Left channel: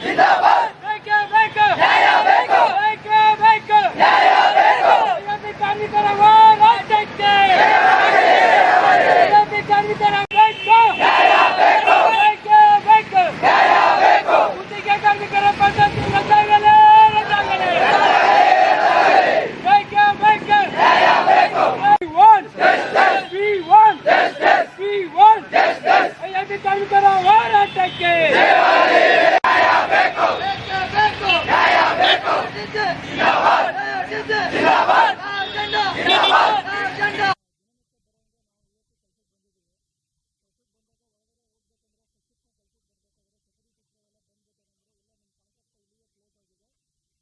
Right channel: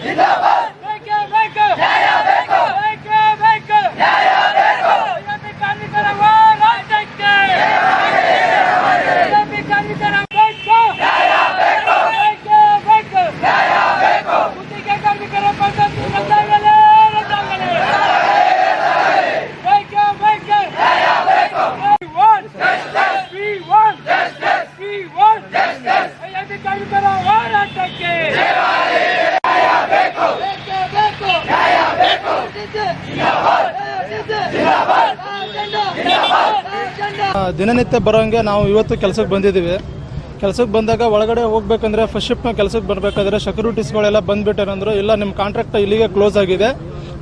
Kita. ದಿನನಿತ್ಯ ಬರೋಂಗೆ ನಾವು ಇವತ್ತು ಕೆಲಸಕ್ಕೆ ಬಂದಿದ್ದೀವಿ. ಕೆಲಸಕ್ಕೆ ಬಂದಾಗ ಒಳಗಡೆ ಹೋಗ್ಬೇಕಂದ್ರೆ ಫಸ್ಟ್ ಶಿಫ್ಟ್ನ ಕೆಲಸಕ್ಕೆ ಬರಬೇಕಾದ್ರೆ ಸೆಕ್ಯೂರಿಟೀಸ್ಗಳೆಲ್ಲ ಬಂದುಬಿಟ್ಟೇನಂದ್ರು ಇಲ್ಲ ನಿಮ್ಮ ಕಾಂಟ್ರಾಕ್ಟ್ ಇಲ್ಲಿಗೆ ಕ್ಲೋಸ್ ಆಗಿದೆ,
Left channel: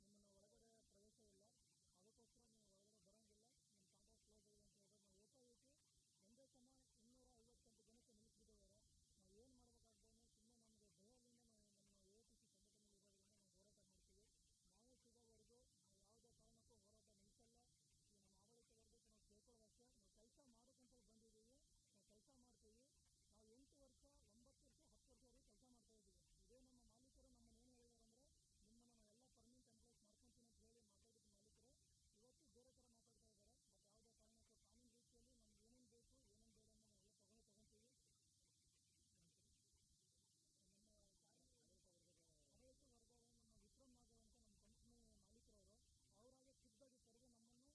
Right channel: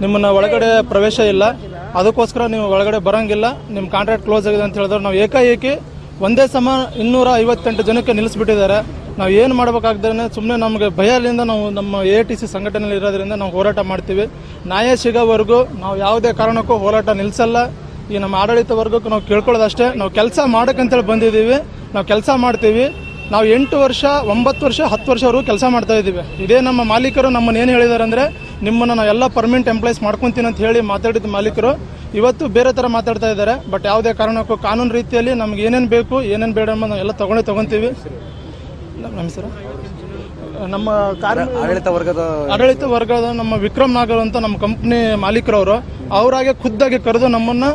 ನಿಮ್ಮನ್ನ ಒಳಗಡೆ ಪ್ರವೇಶ ಇಲ್ಲ, ಅದಕ್ಕೋಸ್ಕರ ನೀವು ಒಳಗಡೆ ಬರೋಂಗಿಲ್ಲ ನಿಮ್ಮ ಕಾಂಟ್ರಾಕ್ಟ್ ಕ್ಲೋಸ್ ಆಗಿದೆ ಅಂತ ಹೇಳಿದ್ರೆ ನಾವು ಏಕಾಏಕಿ ಒಂದೇ ಸಮ ಇನ್ನೂರ ಐವತ್ತೆಂಟು ಜನಕ್ಕೆ ನಿಲ್ಲಿಸ್ಬಿಟ್ಟಿದ್ದಾರೆ. ನಾವು ಏನು ಮಾಡಬೇಕಾಗ್ದೇ ಸುಮ್ಮನೆ ನಮಗೆ ಭಯದಿಂದ ನಾವು ನಮ್ಮ ಎ ಟಿ ಸಿ ಸಂಘಟನೆಯಲ್ಲಿ ಇರೋದ್ರಿಂದ ನಾವು ಹೋರಾಟ ಮಾಡ್ತೀವಿ. ನ್ಯಾಯ ಸಿಗೋವರೆಗೂ ನಾವು ಯಾವುದೇ ಕಾರಣಕ್ಕೂ ಹೋರಾಟ ನಿಲ್ಲಿಸಲ್ಲ ಈ ನಮ್ಮ ಆಡಳಿತ ವರ್ಗಕ್ಕೆ ನಾವು ಕೇಳ್ಕೊಳ್ಳೋದಷ್ಟೇ. ನಾವು ಕೆಲಸ ಮಾಡೋಕ್ಕಂತೇಳಿ ಬಂದಿದ್ದೀವಿ. ನಾವು ಕೆಲಸ ಮಾಡ್ತೀವಿ. ನಾವು ಎಂಟು ವರ್ಷ ಒಂಬತ್ತು ವರ್ಷ ಹತ್ತು ವರ್ಷವರೆಗೂ ಕೆಲಸ ಮಾಡ್ತಾ ಇದ್ದೀವಿ. ಇದೇ ನಮ್ಮ ಮಾಲೀಕರು ನಮ್ಮನ್ನು ಏನು ಹೇಳಿದ್ದಾರೆ ಅಂದರೆ ನಿಮ್ಮನ್ನು ನಾವು ಎಲ್ಲ ಪರ್ಮನೆಂಟ್ ಎಂಪ್ಲಾಯ್ಸ್ ಮಾಡ್ಕೊತೀನಿ ಅಂತ ಹೇಳಿ ಮಾತಾಡಿದ ಮಾಲೀಕರು ಇವತ್ತು ಬೇರೆ ಥರ ಮಾತಾಡ್ತಾ ಇದ್ದಾರೆ. ಬಟ್ ಯಾವುದೇ ಕಾರಣಕ್ಕೂ ಕಾನೂನು ರೀತಿಯಲ್ಲಿ ನಮ್ಗೆ ಏನೇನು ಬೇಕು ಏನೇನು ಬೇಡ ಅನ್ನೋದು ನಾವು ಎಲ್ಲ ತೊಗೊಂಡೇ ತೊಗೊತೀವಿ. ನಮ್ಮ ಹೆಸರು? ನಮ್ಮ ಆಡಳಿತ ವರ್ಗದ ಆಡಳಿತ ವರ್ಗದ ನಮ್ಮ ವಿಕ್ರಮ್ ನಾಗರ್ ಅಂತ ನಮ್ಮ ಕಂಪ್ನಿ ಮಾಲೀಕರವರು ಅವರಾಗೆ ಖುದ್ದಾಗಿ ಕರೆದು ನಮ್ಮನ್ನ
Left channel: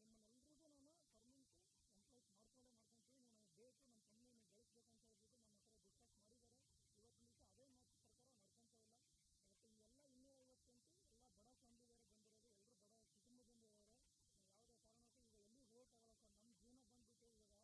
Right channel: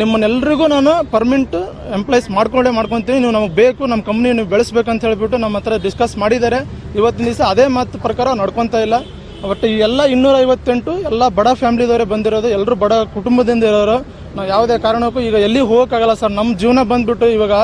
ನಿಮ್ಮನ್ನೆಲ್ಲರಿಗೂ ನಾನು ಪರ್ಮನೆಂಟ್ ಎಂಪ್ಲಾಯ್ಸ್ ಮಾಡ್ಕೊಂಡೇ ಮಾಡ್ಕೊತೀನಿ. ನೀವು ನಮಗೆ ಬೇಕು, ನಮ್ಮ ಕಂಪ್ನಿ ನೀವು ಬೆಳೆಸ್ಬೇಕಂತ ಹೇಳಿಬಿಟ್ಟು ನಮ್ಮ ಹತ್ರ ಡಿಸ್ಕಸ್ ಮಾಡಿದ್ದಾರೆ. ಇವತ್ತಿನ ದಿವಸ ಅದೇ ಮಾತು ಪ್ರಕಾರ ನಡ್ಕೊತಾ ಇಲ್ಲ. ಬಟ್ ಈ ಎಲ್ಲ ಇನ್ನೂರ ಐವತ್ತೆಂಟು ಎಲ್ಲ ಬಡ ಫ್ಯಾಮಿಲಿದವರೇ ಬಂದಿರೋದು ಎಲ್ಲರೂ ಬಡ ಕುಟುಂಬದಿಂದ ಇರೋರು. ನಾವು ಯಾವುದೇ ಕಾರಣಕ್ಕೂ ಈಗ ಎಲ್ಲಿ ಹೋಗೋಕ್ಕಾಗಲ್ಲ ಸರ್. ನಮ್ಮ ಜೀವನ ಬಂದ್ಬಿಟ್ಟು ಇವಾಗ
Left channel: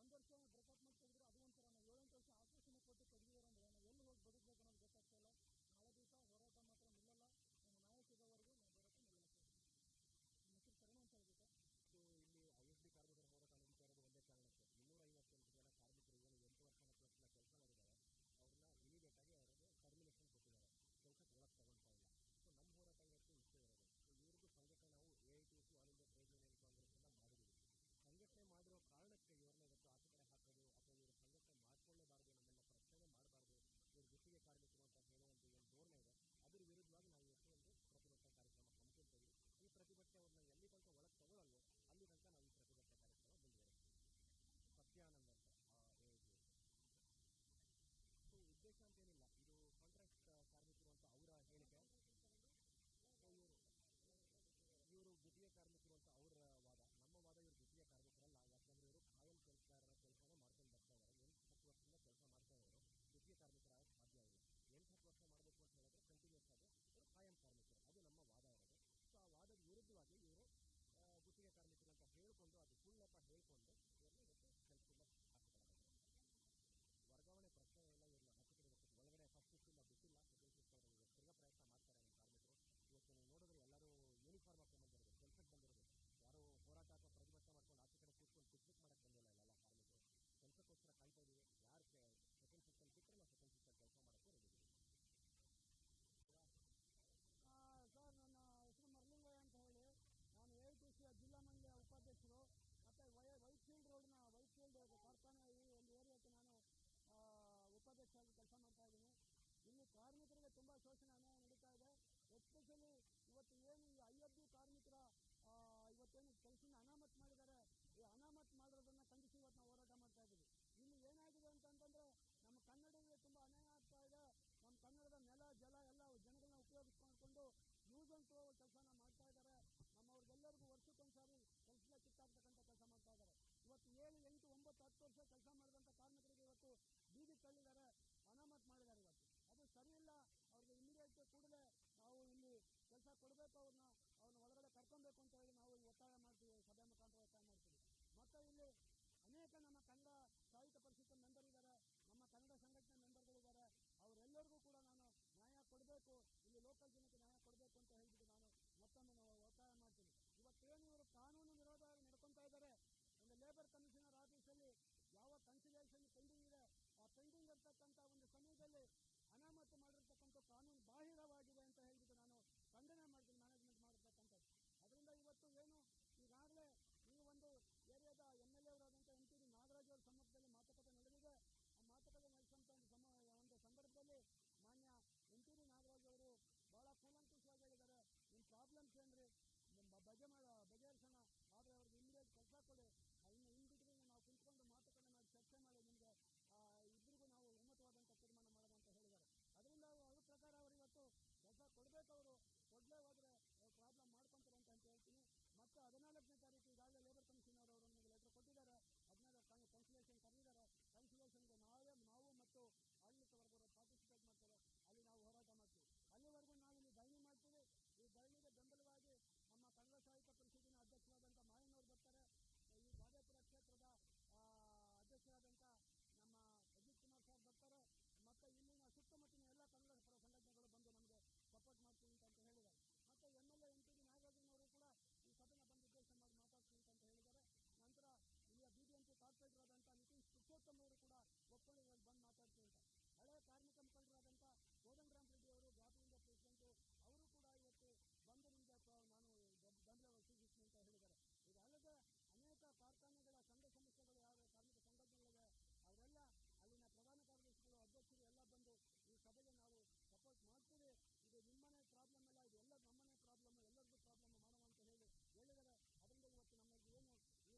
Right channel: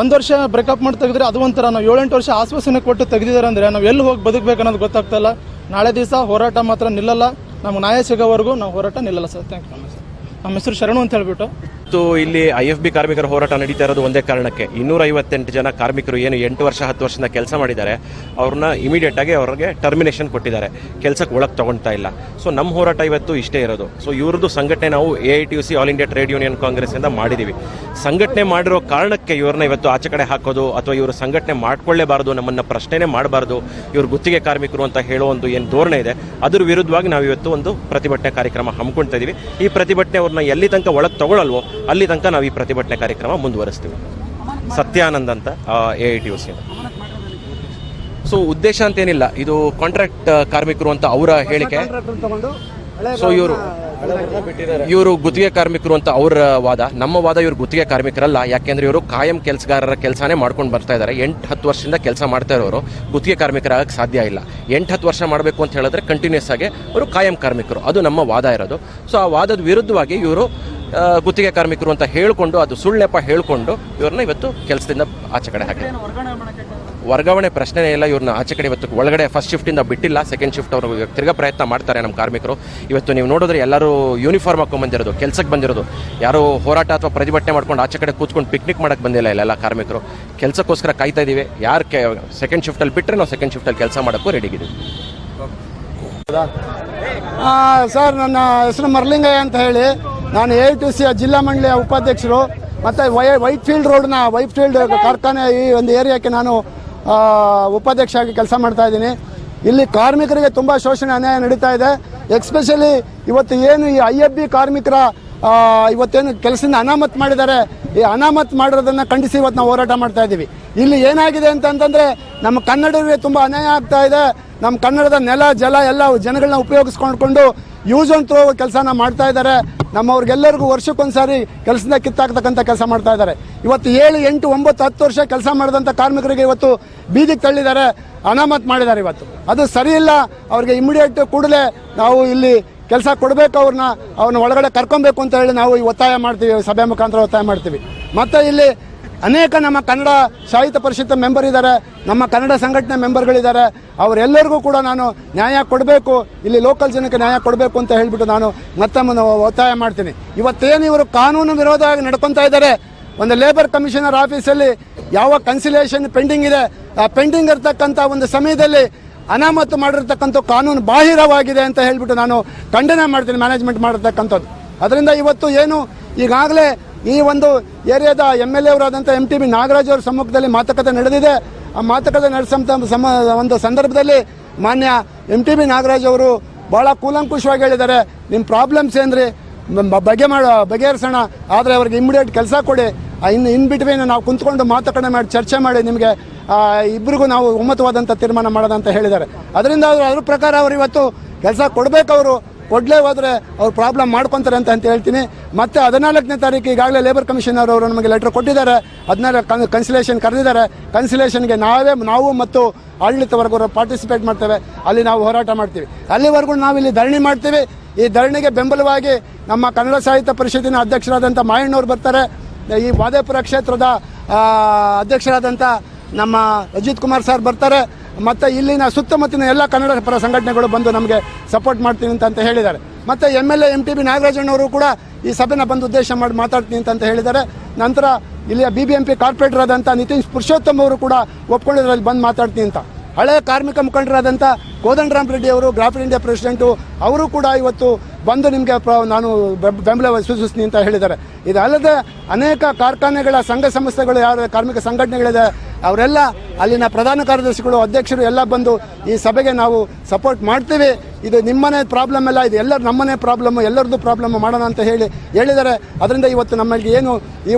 ಒಂದು ವರ್ಷ ಬ್ರೇಕಪ್ ಮಾಡಿ ತೆಗೆದ್ರೆ ಅದು ಒಂಥರ ನಾವು ಏಳೆಂಟು ವರ್ಷ ಆಶ್ವಾಸನೆ ಕೊಟ್ಟು ತೆಗೆದಿದ್ದಾರೆ ಅಂದರೆ ನಾವು ಎಲ್ಲಿ ಹೋಗಿ ಬದುಕಬೇಕು ಅನ್ನೋದು ಗೊತ್ತಾಗ್ತಾ ಇಲ್ಲ. ನಾಳೆ ದಿವಸ ಹೋರಾಟ ಮಾತ್ರ ನಿಲ್ಲಲ್ಲ. ನಮ್ಗೆ ನ್ಯಾಯ ಸಿಗೋವರೆಗೂ ನಾವು ಹೋರಾಟ ನಿಲ್ಲಲ್ಲ ಸರ್. ಥ್ಯಾಂಕ್ ಯು ನಮ್ಮ ಹೆಸರು ಶರಣು ಅಂತ ಹೇಳ್ಬಿಟ್ಟು ಮತ್ತು ಇಲ್ಲಿ ಐ ಎಫ್ ಬಿ ಕಾರ್ಮಿಕರ ಹೋರಾಟ ನಡೀತಾ ಇರೋದು ಒಂದೇ ಕಾರಣಕ್ಕೆ. ಇನ್ನೂರ ಐವತ್ತೆಂಟು ಜನ ಕಾರ್ಮಿಕರು ಏನು ಎಂಟು ವರ್ಷ, ಹತ್ತು ವರ್ಷದಿಂದ ಕೆಲಸ ಮಾಡಿದ್ದಾರೆ. ಅವ್ರನ್ನ ಇಮಿಡಿಯೇಟ್ ಆಗಿ ಅವ್ರಿಗೆ ಟರ್ಮಿನೇಷನ್ ಕೊಟ್ಟಿದ್ದಾರೆ. ಕೆಲಸಕ್ಕೆ ಒಳಗೆ ತಗೊಳ್ತಾ ಇಲ್ಲ. ಸೊ ನಮ್ಮ ಹೋರಾಟ ಇವತ್ತು ಇಷ್ಟೇ ಇರೋದು. ಸೊ ಇವ್ರದ್ದು ಸಂಘಟನೆ ನಾವು A I T U C all India trade union Congress ಇಂದ ಮಾಡಿದೀವಿ. ಸಂಘಟನೆ ಮಾಡಿರೋ ಕಾರಣಕ್ಕೆ ಇವ್ರನ್ನ ಇವತ್ತು ಆಚೆ ಕಡೆ ಹಾಕೋದು ಅಥವಾ ಇವರು ಸಂಘಟನೆ ಮಾಡ್ಕೊಳ್ಳೇಬಾರದು, ನಮ್ಮನ್ನ ಪ್ರಶ್ನೆನೇ ಮಾಡಬಾರ್ದು, ಇವ್ರು ಗುತ್ತಿಗೆ ಕಾರ್ಮಿಕರು ಅಂತ ಹೇಳೋ ಒಂದು ಏನು ಧೋರಣೆ ಇದೆ, ಅದ್ರ ವಿರುದ್ಧವಾಗಿ ನಾವು ಇವತ್ತು ಒಂದು ಪ್ರತಿಭಟನೆ ಕಾರ್ಯಕ್ರಮ ಹಮ್ಮಿಕೊಳ್ತಾ ಇದ್ದೀವಿ ಈ ಪ್ರತಿಭಟನೆ ಅವ್ರನ್ನ ಎಲ್ಲಿ ತನಕ ಒಳಗೆ ತಗೊಳ್ಳಲ್ವೋ ಅಲ್ಲಿ ತನಕ ನಾವು ಈ ಪ್ರತಿಭಟನೆ ಕಾರ್ಯಕ್ರಮ ಮುಂದುವರಿಸ್ತೀವಿ. ಸತ್ಯಾನಂದ್ ಅಂತ A I T U C so ಉದ್ದೇಶ ಅಂತ ಏನಿಲ್ಲ ಇದು ಕಾಂಟ್ರಾಕ್ಟ್ ಕಾರ್ಮಿಕರು ಅಂತ ಅವರ ಹೇಳಿಕೆ. ಸೊ ಇವರು ಇವರು ಗುತ್ತಿಗೆ ಕಾರ್ಮಿಕರು ಅಂತ ಅವರ ವಾದ. ನಮ್ಮ ವಾದ ಇವರು ಗುತ್ತಿಗೆ ಕಾರ್ಮಿಕರಲ್ಲ. ಯಾಕೆಂದ್ರೆ ಇವರು ಕಾಯಂ ಕೆಲಸಗಾರರ ಕೆಲಸನೇ ಮಾಡ್ಕೊಂಡು ಬರ್ತಾ ಇದ್ದಾರೆ ಎಂಟು ಹತ್ತು ವರ್ಷದಿಂದ ಕೆಲಸ ಮಾಡ್ತಾ ಇರೋರು. ಗುತ್ತಿಗೆ ಕಾರ್ಮಿಕರಾಗಕ್ಕೆ ಸಾಧ್ಯ ಇಲ್ಲ. ಎಂಟು ಹತ್ತು ವರ್ಷ ಮಾಡಬೇಕು ಅಂತ ಹೇಳಿದ್ರೆ ಕಂಟಿನ್ಯೂಸ್ ಆಗಿ ಅವರು ಕಾಯಂ ಕಾರ್ಮಿಕರು. ಅದು ನಮ್ಮ ವಾದ ಇರೋದು. ಸೊ ಆ ವಾದದ ವಿರುದ್ಧವಾಗಿ ಇವರು ಗುತ್ತಿಗೆ ಕಾರ್ಮಿಕರು ಅಂತ ಹೇಳಿಕೊಂಡು ಅದು ಸುಳ್ಳೆಪ್ಪ ಹೇಳಿಕೊಂಡು ಇವ್ರನ್ನ ಇವತ್ತು ಕೆಲಸದಿಂದ ಆಚೆ ಕಡೆ ಹಾಕಿದೆ ವರ್ಗಾವಣೆ ಪ್ರಶ್ನೆನೇ ಇಲ್ಲ ಇವ್ರನ್ನ ಆಚೆ ಕಡೆ ಇವತ್ತು ಒಳಗಡೆ ಫಸ್ಟ್ ಶಿಫ್ಟಿಂದ ಬಿಟ್ಟಿಲ್ಲ ಸೆಕೆಂಡ್ ಶಿಫ್ಟ್ ಅವರು ತಿರ್ಗಾ ಪ್ರಯತ್ನ ಮಾಡ್ತಾರೆ ನಮ್ಮ ಕಾರ್ಮಿಕರು. ಇವತ್ತು ನೀವು ನೋಡಿದ್ರೆ ಎಲ್ಲರೂ ಯೂನಿಫಾರ್ಮ್ ಹಾಕೊಂಡು ಬಂದಿರೋದು ಕೆಲಸಕ್ಕೆ ಬಂದಿರೋದು. ಯಾರು ಹೋರಾಟ ಅಥವಾ ಪ್ರತಿಭಟನೆ ಮಾಡ್ಕೊಂಡು ಆಚೆ ಕಡೆ ಕೂತ್ಕೊಂಡು ಪಿಕ್ನಿಕ್ ಮಾಡಕ್ಕೆ ಬಂದಿಲ್ಲ ಇಲ್ಲೆಲ್ಲ ಕಾರ್ಮಿಕರು. ಕೆಲಸಕ್ಕೋಸ್ಕರ ಕಾಯ್ತಾ ಇದ್ದೀವಿ ಯಾರು ಕೆ ಸೆಕೆಂಡ್ ಶಿಫ್ಟಲ್ಲಿ ಬಿಟ್ಟರೆ ನಾವು ಸೆಕೆಂಡ್ ಶಿಫ್ಟಲ್ಲಿ ಕೆಲಸ ಮಾಡೋಕ್ಕೂ ರೆಡಿಗಿದ್ದೀವಿ ಆ, ಸರ್ ನನ್ನ ಹೆಸರು ಮರ್ಲಿಂಗಯ್ಯ ಅಂತ ಹೇಳಿ. ನಾನು ಎ ಟು ಸಿಯ ಜಿಲ್ಲಾ ಮಂಡಳಿಯ ಉಪಾಧ್ಯಕ್ಷರು, ಮತ್ತು ವೈ ವೈಟ್ ಫೀಲ್ಡ್ ರೋಡ್ನ ವೈಟ್ ಫೀಲ್ಡ್ ಕಾರ್ಖಾನೆ ಈ ಒಂದು ಏರಿಯಾಕ್ಕೆ ನಾನು ಉಪಾಧ್ಯಕ್ಷ ಆಗಿ ಕೆಲಸ ಮಾಡ್ತಾ ಇದ್ದೀನಿ. ಇಲ್ಲಿ ಕಾರ್ಮಿಕರಿಗೆ ತುಂಬ ಶೋಷಣೆ ಅನ್ಯಾಯ ನಡೀತಾ ಇದೆ. ಎಕ್ಸ್ಪೆಷಲಿ ಇವತ್ತು ಏನು ಈ ಐ ಎಫ್ ಬಿ ಕಾರ್ಮಿಕರ ಇವತ್ತೇನು ಕೆಲಸದಿಂದ ಅನಾಮತ್ ಮಾಡಿದ್ದಾರೆ, ಈ ಅನಾಮತ್ ಮಾಡಿರೋದನ್ನ ಖಂಡಿಸಿ ಇವತ್ತು ನಾವು ಹೋರಾಟ ಮಾಡ್ತಾ ಇದ್ದೀವಿ. ಇಲ್ಲಿ ಏನಾಗಿದೆ ಅಂತಂದ್ರೆ, ನಮ್ಮ ಕನ್ನಡರಿಗೆ ತುಂಬಾ ಅನ್ಯಾಯ ಆಗ್ತಾ ಇದೆ. ನಮ್ಮ ಕನ್ನಡದ ನೆಲ, ಜಲ ಎಲ್ಲ ಜನಗಳನ್ನ ಉಪಯೋಗಿಸ್ಕೊಂಡ್ಕೊಂಡು ಯೂಸ್ ಅಂಡ್ ಕೆಲಸನ ಮಾಡ್ತಾ ಇದ್ದಾರೆ. ನಮ್ಮವ್ರಿಗೆಲ್ಲರಿಗೂ ವರ್ಷಕ್ಕೊಂದ್ಸಾರಿ ಕೆಲಸದಿಂದ ಕಿತ್ತಾಕ್ತಕ್ಕಂಥ ಕೆಲಸ ಮಾಡ್ತಾ ಇದ್ದಾರೆ. ಇವತ್ತು ಏಳು, ಎಂಟು, ಒಂಬತ್ತು, ಹತ್ತು ವರ್ಷ ಕೆಲಸ ಮಾಡಿದಂಥ ಕಾರ್ಮಿಕರಿಗೆ ಇವತ್ತು ಬೀದಿಗೆ ತಳ್ಳಿದ್ದಾರೆ, ಅನಾಮತ್ ಮಾಡಿದ್ದಾರೆ ಇವತ್ತು. ಅದು ಸರಿ ಇಲ್ಲ. ಅವ್ರಿಗೆ ಇಮಿಡಿಯೇಟ್ ಕೂಡಲೇ ನಾವು ಇಲ್ಲಿ ಕೆಲಸ ಕೊಡಬೇಕು ಅವ್ರನ್ನ ಅವ್ರನ್ನ ಒಳಗಡೆ ಕರ್ಕೊಬೇಕು ಅಂತ ಹೇಳಿ ನಾವು ಒತ್ತಾಯ ಮಾಡ್ತೀವಿ, ಸಭೆ ಮುಖಾಂತರ ಒತ್ತಾಯ ಮಾಡ್ತೀವಿ. ಮತ್ತೆ ಇಲ್ಲಿ ಅನೇಕ ನಮ್ಮ ಕನ್ನಡ ಸಾಹಿತ್ಯ ಪರಿಷತ್ ಮೆಂಬರ್ ಇದ್ದಾರೆ, ನಮ್ಮ ಕನ್ನಡ ಸಂಘಟನೆ ಮೆಂಬರ್ಗಳಿದ್ದಾರೆ. ಅವರೆಲ್ಲರಿಗೂ ಕೂಡ ನಾನು ನ್ಯಾಯ ಕೊಡಬೇಕು, ಇಲ್ಲಿ ಲೋಕಲ್ ಜನಕ್ಕೆ ನ್ಯಾಯ ಕೊಡಬೇಕು ಅಂತ ಹೇಳಿಬಿಟ್ಟು ನಾನು ಮತ್ತೊಮ್ಮೆ ಒತ್ತಾಯ ಮಾಡ್ತೀನಿ. ಇವತ್ತೇನು ಇವರು ಕಾನೂನು ವಿರೋಧವಾಗಿ ನಡ್ಕೊತಾ ಇದ್ದಾರೆ? ಒಂದು ಲೇಬರ್ ಕಮಿಷನರ್ ಆಫೀಸಲ್ಲಿ ಯಾವ ಕನ್ಸಿಲೇಷನ್ ಪೆಂಡಿಂಗ್ ಇದೆ? ಆ ಪೆಂಡಿಂಗ್ ಇರತಕ್ಕಂಥ ಒಂದು ಸಮಯದಲ್ಲಿ ಅನಾಮತು ಮಾಡಿರ್ತಕ್ಕಂಥ ಕಾನೂನು ಬಾಹಿರವಾಗಿದೆ ಅಂತ ಹೇಳಿಬಿಟ್ಟು ನಾನು ಖಂಡನೆ ಮಾಡ್ತೀನಿ ಮ್ಯಾನೇಜ್ಮೆಂಟ್ ಮಾಡಿರ್ತಕ್ಕಂಥದ್ದು. ಅದರಿಂದ ಇವತ್ತು ಏನು ಈಗಾಗಲೇ ಈ ಒಂದು ಏರಿಯಾದ ಎಂ ಎಲ್ ಎ ಅವರಾದಂಥ ಎಂ ಟಿ ಬಿ ನಾಗರಾಜ್ ಅವರ ಸಮ್ಮುಖದಲ್ಲಿ ಮಾತುಕತೆ ನಡೆದಿದೆ. ಆ ಮಾತುಕತೆ ನಡೆಸಂತ ಸಮ, ಒಂದು ಸಂದರ್ಭದಲ್ಲಿ ಮಾನ್ಯ ಎಂ ಟಿ ಬಿ ನಾಗರಾಜ್ ಅವರು ಭಾಳ ಕೂಲಂಕುಷವಾಗಿ ಹೇಳಿದ್ದಾರೆ. ನಿಮ್ಮ ಪ್ರಾಬ್ಲಮ್ಸ್ ಏನ್ರಿ? ಬಗೆ ಮಾಡೋ, ಬಗೆಹರಿಸೋಣ. ಆದರೆ ಅವ್ರಿಗೆ ಇಮಿಡಿಯೇಟ್ ಕೆಲಸ ಕೊಡಿ. ಇನ್ನು ಇನ್ ಬಿಟ್ವೀನ್ ನಾವು ಕುಂತ್ಕೊಂಡು ಮಾತುಕತೆ ಮಾಡಿ, ಚರ್ಚೆ ಮಾಡಿ ನಿಮಗೆ ಇಬ್ಬರಿಗೂ ನಾವು ಒಮ್ಮತವಾದಂಥ ತೀರ್ಮಾನ ಮಾಡೋದಂತ ಹೇಳಿದ್ದಾರೆ. ಅದರಿಂದ ಅವರು ಅದ್ರ ಪ್ರಕಾರ ಅವರು ಇವತ್ತು ಕೆಲಸ ಕೊಡಬೇಕು ಕೊಡಲೇ ಹೋದರೆ ಅವ್ರು ಪ್ರಾಬ್ಲಮ್ ಮಾಡ್ಕೊತಾರೆ ಅಂತ ಅಂತ ಹೇಳ್ತೀನಿ. ಮತ್ತೆ ಹದಿನಾಲ್ಕನೇ ತಾರೀಕು ಈಗಾಗಲೇ ಲೇಬರ್ ಕಮಿಷನರ್ ಅವರು ನಮಗೆ ಲೆಟರ್ ಕೊಟ್ಟಿದ್ದಾರೆ. ಹದಿನಾಲ್ಕು ಕನ್ಸಿಲೇಷನ್ ಕರೆದಿದ್ದಾರೆ. ಕನ್ಸಿಲೇಷನ್ಗೆ ನಾವೇ, ನಾವು ಮತ್ತು ಆಡಳಿತ ವರ್ಗವರು ಪಾರ್ಟಿಸಿಪೇಟ್ ಮಾಡ್ತೇವೆ. ಅಲ್ಲಿ ನಾವು ಹೋರಾಟ ಮಾಡ್ತೀವಿ. ಅಲ್ಲಿವರೆಗೂ ನಾವಿಲ್ಲಿ ಧರಣಿ ಮಾಡ್ತೀವಿ. ಈ ಧರಣಿಗೆ ಬೆಂಬಲವಾಗಿ ನಮ್ಮ ಕನ್ನಡ ಸಾಹಿತ್ಯ ಪರಿಷತ್ತಿನ ಅಧ್ಯಕ್ಷರಾದಂಥ ಮಾಯಣ್ಣವ್ರು ಬರ್ತಾರೆ. ಈ ವಾದೇಪುರ ಕ್ಷೇತ್ರದ ಅಧ್ಯಕ್ಷರಾದಂಥ ನಮ್ಮ ಅಜಿತ್ ಕುಮಾರ್ ಸರ್ ಬರ್ತಾರೆ. ಮತ್ತು ಇಲ್ಲಿನ ಸುತ್ತಮುತ್ತಲಿನ ಎಲ್ಲ ಕನ್ನಡ ಪರ ಸಂಘಟನೆಗಳು ಬಂದು ನಮಗೆ ಸಪೋರ್ಟ್ ಮಾಡ್ತೀನಿ ಅಂತ ಹೇಳಿದ್ದಾರೆ. ಮತ್ತು M L A M T B ನಾಗರಾಜಣ್ಣವರು ಕೂಡ ಈ ಸಭೆನ ಬಂದು ಉದ್ದೇಶ ಮಾಡಿ ಮಾತಾಡ್ತೀನಿ ಅಂತ ಹೇಳಿದ್ದಾರೆ. ನಂತರ ಇಲ್ಲಿಯ B B M P corporator ಆದಂಥ ನಿತಿನ್ ಪುರುಷೋತ್ತಮ್ ಅವರು ಕೂಡ ಒಪ್ಕೊಂಡಿದ್ರಲ್ಲಿ ಬಂದು ಮಾತಾಡ್ತೀನಿ ಅಂತ. ಹಳೆ ಕಾರ್ಮಿಕ ಮುಖಂಡರಾದಂಥ ಕೋದಂಡರಾಮ್ ರೆಡ್ಡಿ ಅವರು ಗ್ರಾಫಿಡ್ ಇಂಡಿಯಾ ಪ್ರೆಸಿಡೆಂಟು ಅವರು ಕೂಡ ಇವತ್ತು ಬಂದು ನಿಮಗೆ ನಾನು ಬೆಂಬಲ ಸೂಚಿಸ್ತೀನಿ ಅಂತ ಹೇಳಿದ್ದಾರೆ. ಇದಲ್ಲದೆ ಅನೇಕ ಕಾರ್ಖಾನೆಗಳ ಸಂಘ ಸಂಸ್ಥೆಗಳು, ಯಾರು ಕಾರ್ಮಿಕ ಸಂಘಟನೆಗಳಿದೆ ಅವರೆಲ್ಲ ಅಲ್ಲಿನ ಪ್ರಧಾನ ಕಾರ್ಯದರ್ಶಿಗಳು, ಅಧ್ಯಕ್ಷರು ಎಲ್ಲ ಬಂದು ಈ ಸಭೆಗೆ ನಾವು ಸಪೋರ್ಟ್ ಮಾಡ್ತೀವಿ. ಇದು ನಿಮ್ಮನೆ ಪ್ರಾಬ್ಲಮ್ ಎಲ್ಲ ಇದು ಎಲ್ಲರ ನಮ್ಮನೆ ಪ್ರಾಬ್ಲಮ್ ಎಲ್ಲರದ್ದು ಪ್ರಾಬ್ಲಮ್ ಮಾಡೋಣ ಅಂತ ಹೇಳಿ ಹೇಳಿದರೆ ಅದರಿಂದ ಇವತ್ತು ನಮ್ಮಲ್ಲಿ ಏನು